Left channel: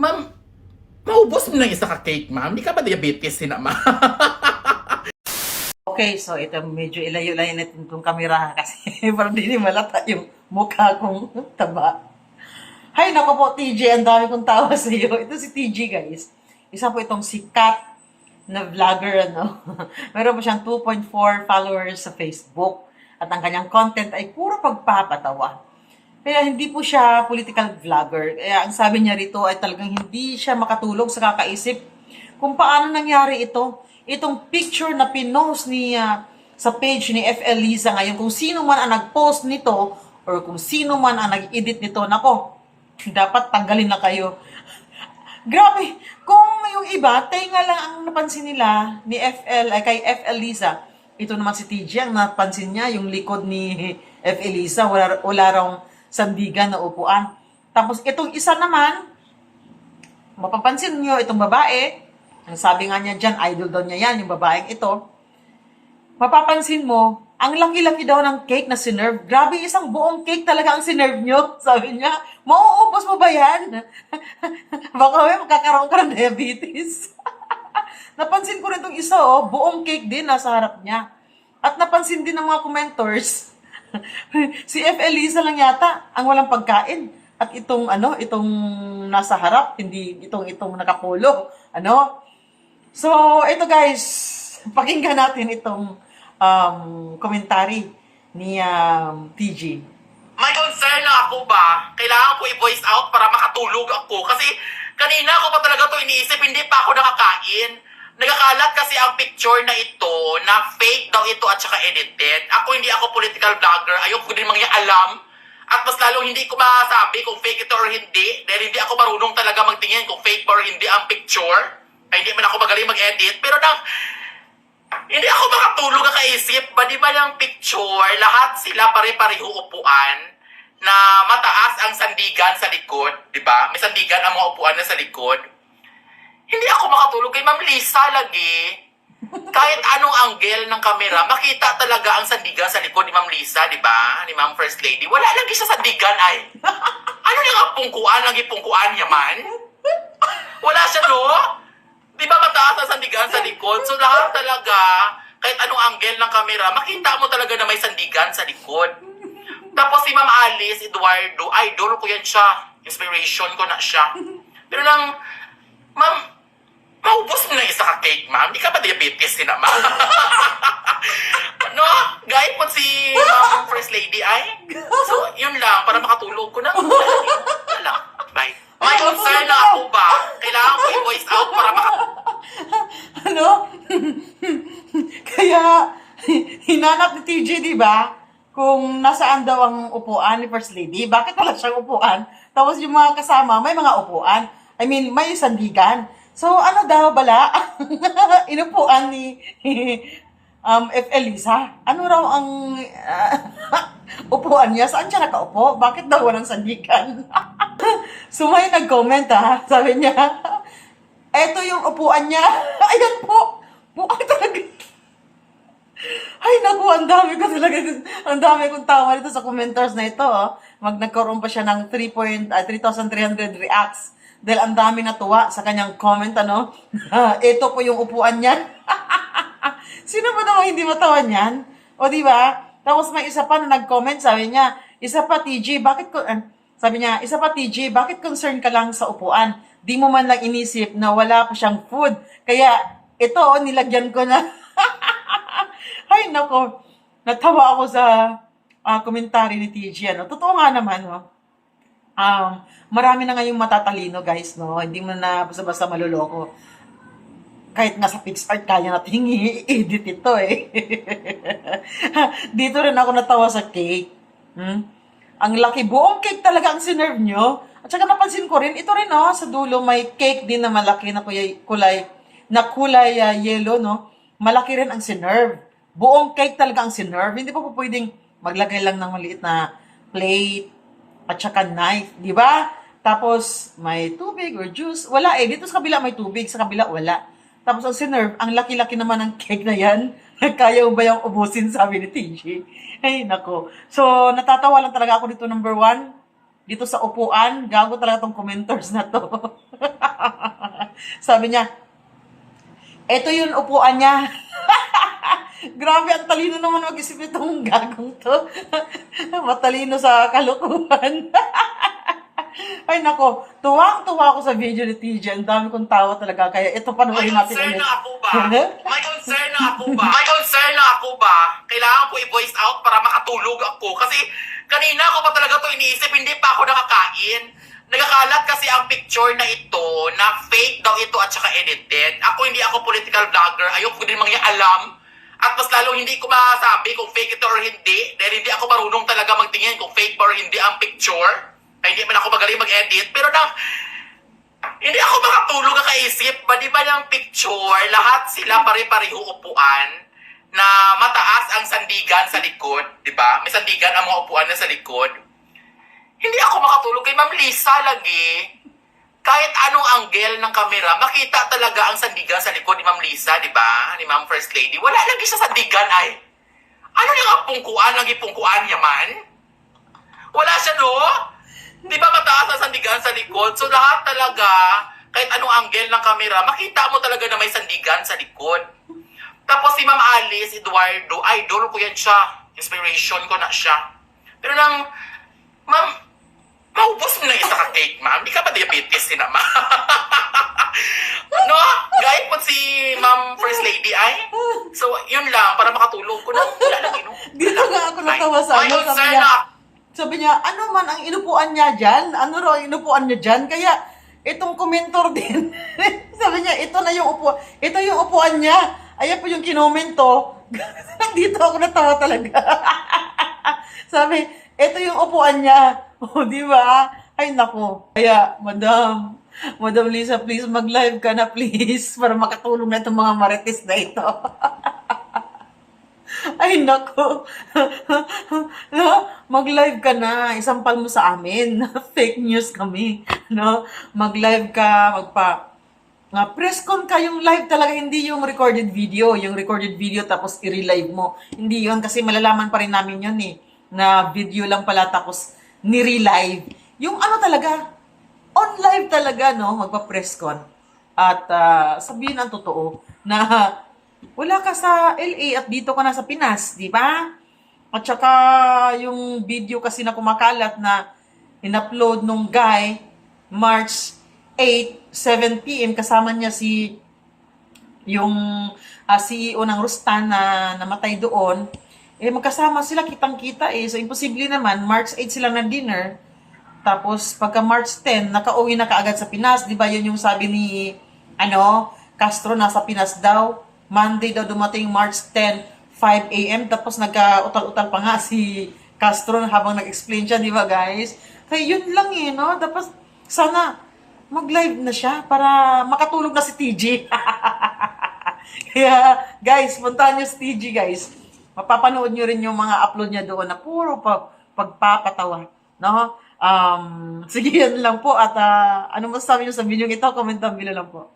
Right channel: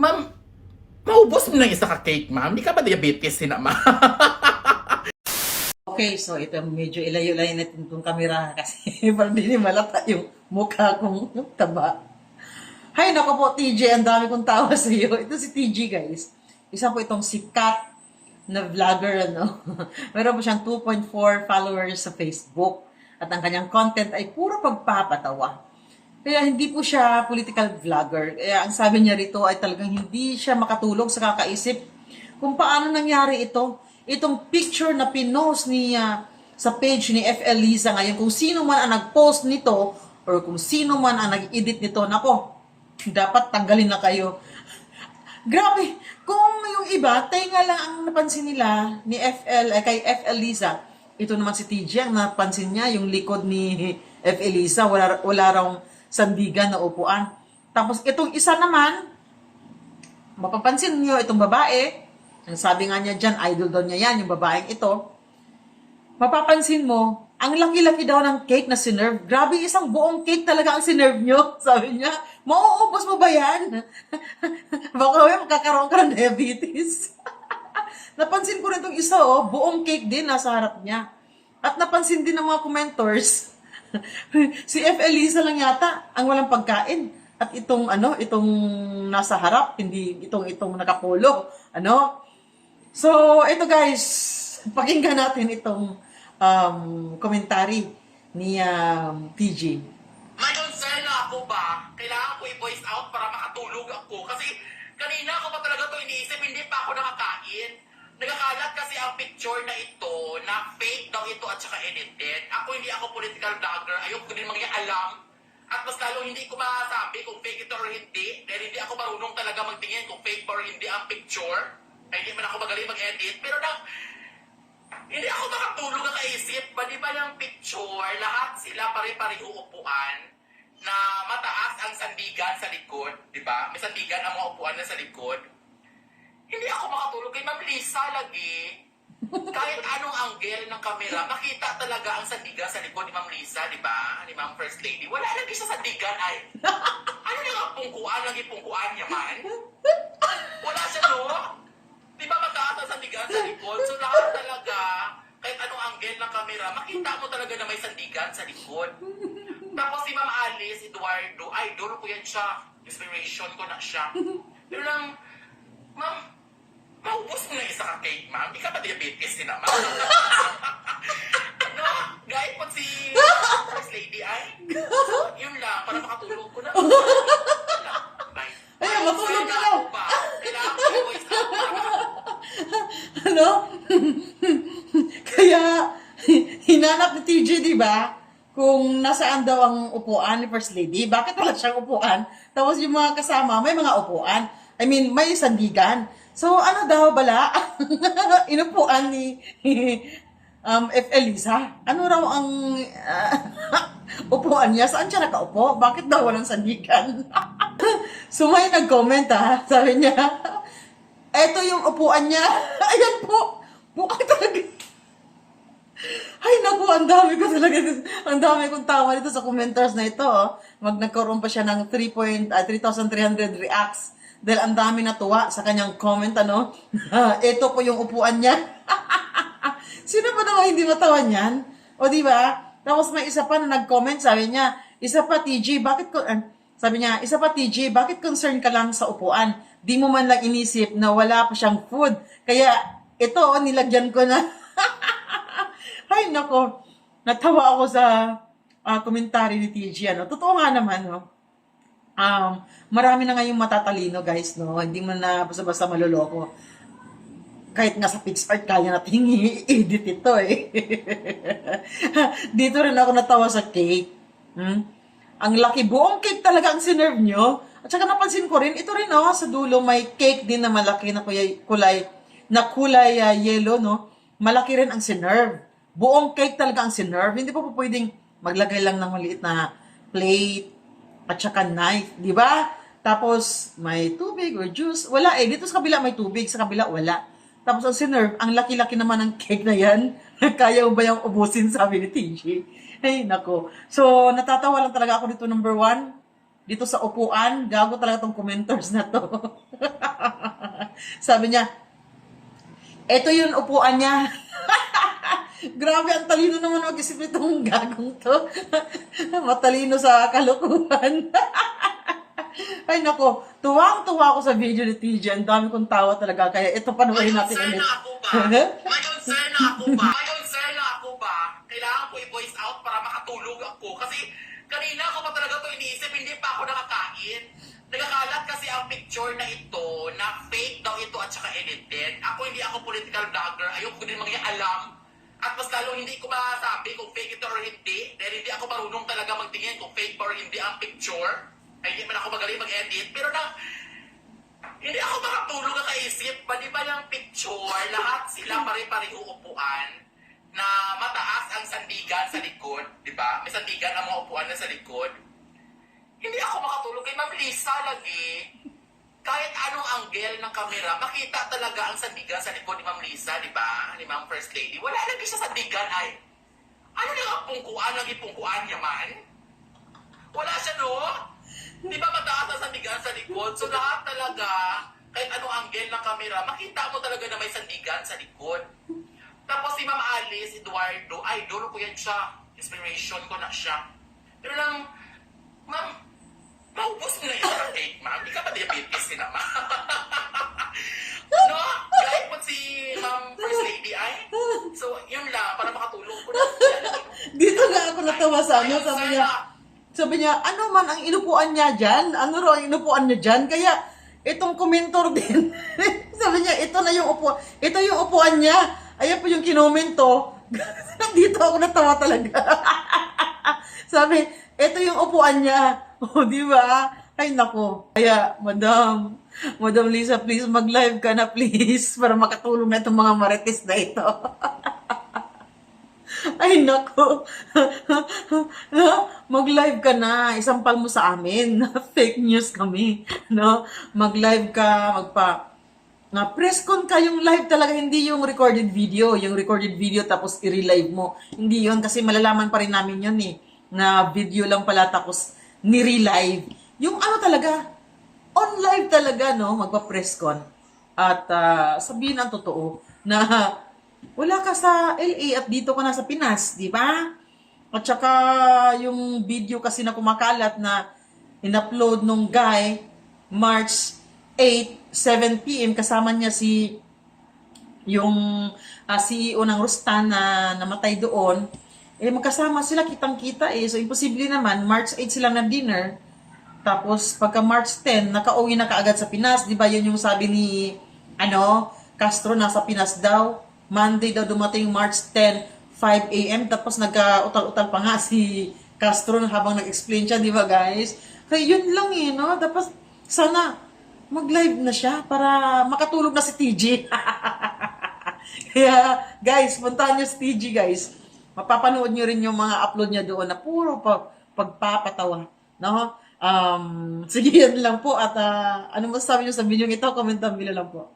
Ma'am, maubos mo na yung isa ka cake, ma'am. Di ka ba diabetes, sina, ma'am? Okay, so ito medyo ilayo-layo natin itong kamera kasi para hindi malata yung mukha kong taba. Hay, nako po, TJ, ang dami kong tawa sa iyo. Ito si TJ, guys. Isa po itong sikat na vlogger, ano. Meron po siyang 2.4 followers sa Facebook. At ang kanyang content ay puro pagpapatawa. Kaya hindi po siya political vlogger. Kaya ang sabi niya rito ay talagang hindi siya makatulog sa kakaisip kung paano nangyari ito. Itong picture na pinost ni ah, sa page ni FL Liza ngayon, kung sino man ang nag-post nito or kung sino man ang nag-edit nito, nako, dapat tanggalin na kayo. Grabe, kung yung iba, tenga lang ang napansin nila ni FL, ay kay FL Liza. Ito naman si TJ, ang napansin niya, yung likod ni FL Liza, wala, wala raw sandigan na upuan. Tapos itong isa naman, mapapansin niyo itong babae, ang sabi nga niya dyan, idol daw niya yan, yung babaeng ito, mapapansin mo, ang laki-laki daw ng cake na sinerve. Grabe, isang buong cake talaga ang sinerve nyo. Sabi niya, mauubos mo ba yan? Baka may magkakaroon ka ng diabetes. napansin ko rin itong isa, oh, buong cake din nasa harap niya. At napansin din ng mga commenters, si F. Elisa lang yata ang walang pagkain. At itong ano, itong nasa harap, hindi itong itong nakapolo, ano? So, ito guys, pakinggan natin itong um, komentary ni um, TG. May concern na ako ba? Kailangan ko i-voice out para makatulog ako. Kasi kanina ako pa talaga to iniisip, hindi pa ako nakakain. Nagkakalat kasi ang picture na ito na fake daw ito at saka edited. Ako hindi ako political vlogger. Ayoko din mga alam. At mas lalong hindi ko masabi kung fake ito or hindi. Dahil hindi ako marunong talaga magtingin kung fake ba or hindi ang picture. Ay, hindi man ako magaling mag-edit. Pero nang hindi ako makatulog ang kaisip. Ba di ba yung picture, lahat sila pare-pareho upuan na mataas ang sandigan sa likod, di ba? May sandigan ang mga upuan na sa likod. Hindi ako makatulog kay Ma'am Lisa lagi. Kahit anong angle ng kamera, makita talaga ang sandigan sa likod ni Ma'am Lisa, di ba? Ni Ma'am First Lady. Wala lagi siya sandigan ay. Ano yung ang pungkuan, lagi pungkuan niya man? Wala siya no? Di ba mataas ang sandigan sa likod? So lahat talaga, kahit anong angle ng kamera, makita mo talaga na may sandigan sa likod. Tapos si Ma'am Alice Eduardo, idol ko yan siya. Inspiration ko na siya. Pero nang, Ma'am, maubos mo na isa ka cake, ma'am. Di ka ba diabetes din ma'am? ano? Gaya po si Ma'am First Lady ay? So, yun lang. Para makatulog ko na. Wala. Bye. May concern na ako ba? Kailangan ko i-voice out para maka... ano? Kaya, hinanap ni TJ, di ba? Kung nasaan daw ang upuan ni First Lady, bakit wala siyang upuan? Tapos yung mga kasama, may mga upuan. I mean, may sandigan. So, ano daw bala? Inupuan ni um, F. Elisa. Ano raw ang ah, upuan niya? Saan siya nakaupo? Bakit daw walang sandigan? so, may nag-comment ah. Sabi niya, eto yung upuan niya. Ayan po. Bukas talaga. Ay, naku, ang dami ko talaga, ang dami kong tawa dito sa commenters na ito. Oh. Mag nagkaroon pa siya ng 3 point, ah, 3,300 reacts. Dahil ang dami natuwa sa kanyang comment, ano? ito po yung upuan niya. Sino ba naman hindi matawa niyan? O, di ba? Tapos may isa pa na nag-comment, sabi niya, isa pa, TG, bakit ko, eh, sabi niya, isa pa, TG, bakit concern ka lang sa upuan? Di mo man lang inisip na wala pa siyang food. Kaya, ito, oh, nilagyan ko na. Ay, nako. Natawa ako sa ah, komentary ni TG. Ano? Totoo nga naman, no? Um, marami na ngayong matatalino, guys, no? Hindi mo na basta-basta maluloko. Kahit nga sa PixArt, kaya natin i-edit ito, eh. Dito rin ako natawa sa cake. Hmm? Ang laki, buong cake talaga ang sinerve nyo. At saka napansin ko rin, ito rin, no? Sa dulo, may cake din na malaki na kulay, kulay na kulay ah, yellow, no? Malaki rin ang sinerve. Buong cake talaga ang sinerve. Hindi pa po pwedeng maglagay lang ng maliit na plate at saka knife, di ba? Tapos may tubig or juice. Wala eh. Dito sa kabila may tubig, sa kabila wala. Tapos ang sinerve, ang laki-laki naman ng cake na yan. Kaya ba yung ubusin, sabi ni TJ. Ay, nako. So, natatawa lang talaga ako dito number one. Dito sa upuan, gago talaga tong commenters na to. Sabi niya, eto yung upuan niya. Grabe, ang talino naman mag-isip itong gagong to. Matalino sa kalukuhan. Ay nako, tuwang-tuwa ako sa video ni TJ. Ang dami kong tawa talaga. Kaya ito May panoorin natin concern ulit. na ako ba? May concern na ako ba? May concern na ako ba? Kailangan ko i-voice out para makatulog ako. Kasi kanina ko pa talaga to iniisip, hindi pa ako nakakain. Nagkakalat kasi ang picture na ito na fake daw ito at saka edited. Ako hindi ako political vlogger. Ayoko din mga alam. At mas lalo hindi ko masabi kung fake ito or hindi. Dahil hindi ako marunong talaga magtingin kung fake or hindi ang picture. Ay, hindi man ako magaling mag-edit. Pero na, hindi ako makatulog ang kaisip. Ba di ba ng picture, lahat sila pare-pareho upuan na mataas ang sandigan sa likod, di ba? May sandigan ang mga upuan na sa likod. Hindi ako makatulog kay Ma'am Lisa lagi. Kahit anong angle ng kamera, makita talaga ang sandigan sa likod ni Ma'am Lisa, di ba? Ni Ma'am First Lady. Wala lagi siya sandigan ay. Ano yung ang pungkuan, ang ipungkuan niya man? Wala siya, no? Di ba mataas ang sandigan sa likod? So lahat talaga, kahit anong angle ng kamera, makita mo talaga na may sandigan sa likod. Tapos si Ma'am Alice Eduardo, idol ko yan siya. Inspiration ko na siya. Pero lang, Ma'am, maubos mo na isa ka cake, Ma'am. Di ka ba diabetes si Ma'am? no? Gaya po si Ma'am First Lady ay. So, yun lang, para makatulog ko na. Wala lang. Dito nga ako natawa sa ano. Sabi niya, sabi niya, ano man ang inupuan niya dyan? Ano raw ang inupuan niya dyan? Kaya, itong komentor din. sabi niya, ito na yung upuan. Ito yung upuan niya. Ayan po yung kinomento. Dito ako natawa talaga. sabi, ito yung upuan niya. O, di ba? Ay, nako. Kaya, madam, Madam Lisa, please mag-live ka na, please. Para makatulong na itong mga marites na ito. Ay, nako. no? Mag-live ka na. Isampal mo sa amin. Fake news kami. No? Mag-live ka, magpa... Nga, press con ka yung live talaga, hindi yung recorded video. Yung recorded video tapos i-relive mo. Hindi yun kasi malalaman pa rin namin yun eh. Na video lang pala tapos ni-relive. Yung ano talaga, on live talaga, no? Magpa-press con. At ah, sabihin ang totoo na wala ka sa LA at dito ka na sa Pinas, di ba? At saka yung video kasi na kumakalat na in-upload nung guy March 8, 7 p.m. kasama niya si yung ah, CEO ng Rustan na namatay doon. Eh magkasama sila kitang-kita eh. So imposible naman March 8 sila na dinner. Tapos pagka March 10 nakauwi na kaagad sa Pinas, 'di ba? Yun yung sabi ni ano, Castro nasa Pinas daw. Monday daw dumating March 10, 5 a.m. Tapos nagka-utal-utal pa nga si Castro habang nag-explain siya, di ba guys? Kaya yun lang eh, no? Tapos sana mag-live na siya para makatulog na si TJ. Kaya guys, puntahan nyo si TJ guys. Mapapanood nyo rin yung mga upload niya doon na puro pa, pagpapatawa. No? Um, sige yan lang po at ah, ano masasabi nyo sa video ito, comment down below lang po.